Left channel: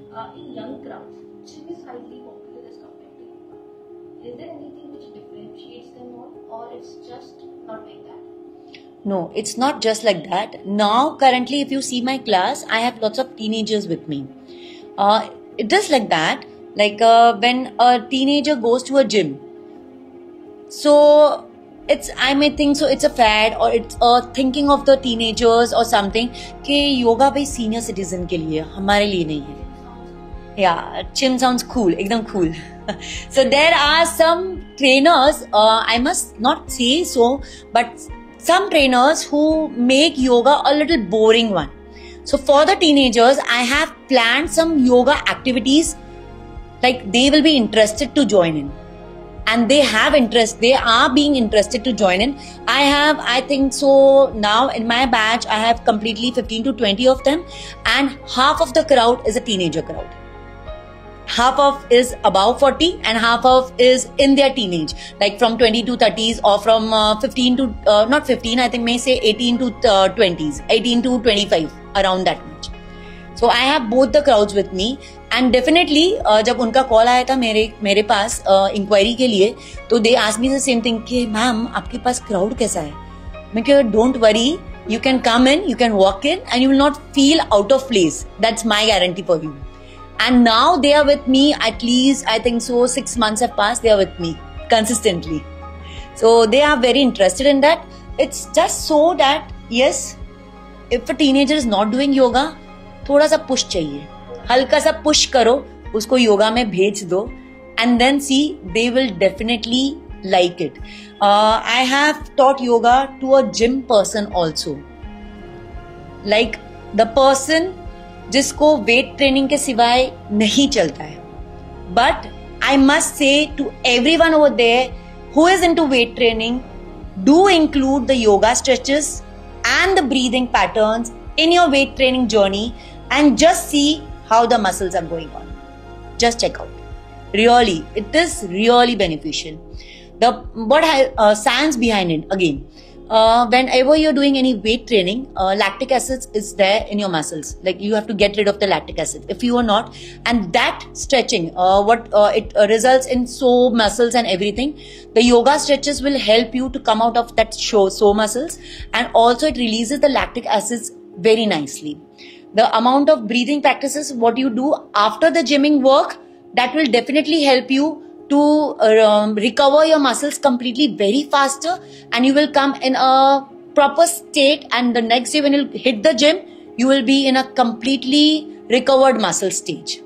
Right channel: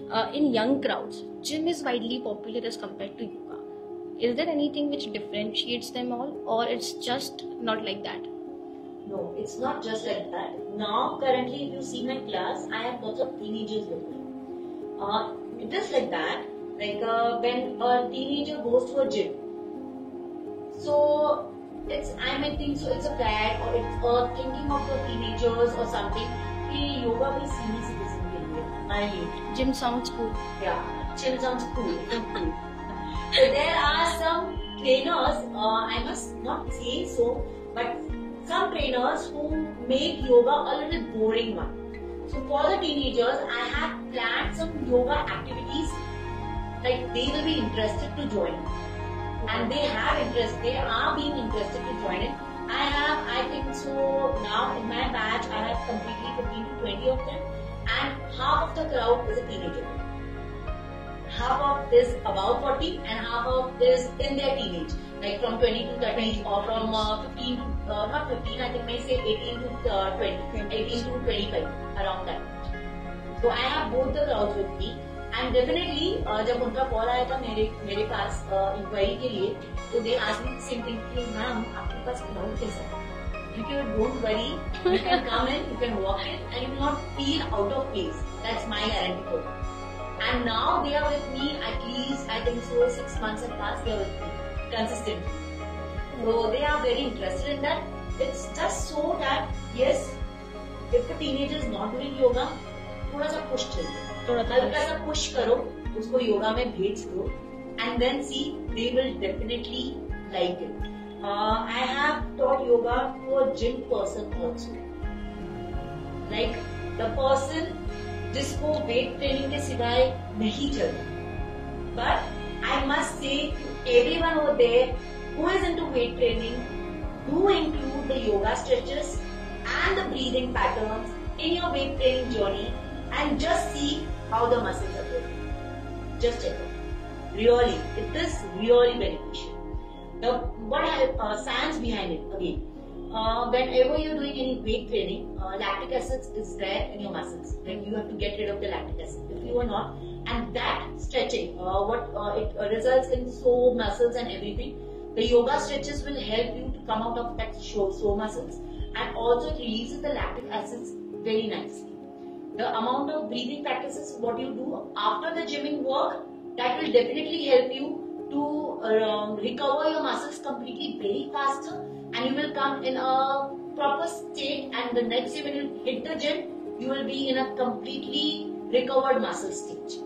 In young crowds, gym is widely popular as compared to yoga. Is there anything which differentiates them all, or it's just not like that? No, it's not just like that. Now, currently, if you see my class, I have lots of teenagers with me. It is like that. Like when a teenager goes to a gym, so I may think so it's a fad or it's a thinking of the teenagers or something कि योगा भाई senior citizen के लिए हमारे लिए नहीं. Gym sounds cool. Yeah, gym sounds cool, एकदम cool. So there are some trainers, I must not say so, but some trainers who make yoga a little boring one. So for the teenagers, I have planned some yoga activities like they will be interested to join in. And they have interest, they are being interested to join in. I think so now in my batch, I have completely 15 to 20 of them, and half of the crowd is a teenager crowd. Half of is above 40 and half of is in their teenage, like from 20 to 30s or from 15 to, not 15, I think may say 18 to 20s, 18 to 25, around that much. So I have both the crowds with me. And definitely जब उनका call आया था मेरे पास inquiry के लिए, तो they asked me the same thing कि ma'am आपके पास क्राउड कैसा है. मैं कहा don't worry, you can come in, you can walk in and you will not feel out of place. That's my guarantee for you. And now they are with me at least, I think so 6 months have passed, they are with me consistently. So they are very interested in that. It's just so that yes, if a teenager is not doing yoga, थोड़ा सा push चाहिए, हल्का सा push करो, उसको योगा में भेज दो, and then see they will definitely like it. I have taught yoga to a gym person also, like the person जिसको वेट ट्रेनिंग के सिवाय नहीं चलता है. But I must say to everyone over there who is into weight training, do include the yoga stretches and the breathing patterns in your weight training journey, and just see how the muscles are going on. Just check out. Really, it is really beneficial. What science behind it again? Whenever you're doing any weight training, lactic acid is there in your muscles. Like you have to get rid of the lactic acid. If you are not, and that stretching, it results in sore muscles and everything. The yoga stretches will help you to come out of that sore muscles, and also it releases the lactic acids very nicely. The amount of breathing practices what you do after the gymming work, that will definitely help you to recover your muscles completely very faster, and you will come in a proper state, and the next day when you hit the gym, you will be in a completely recovered muscle stage.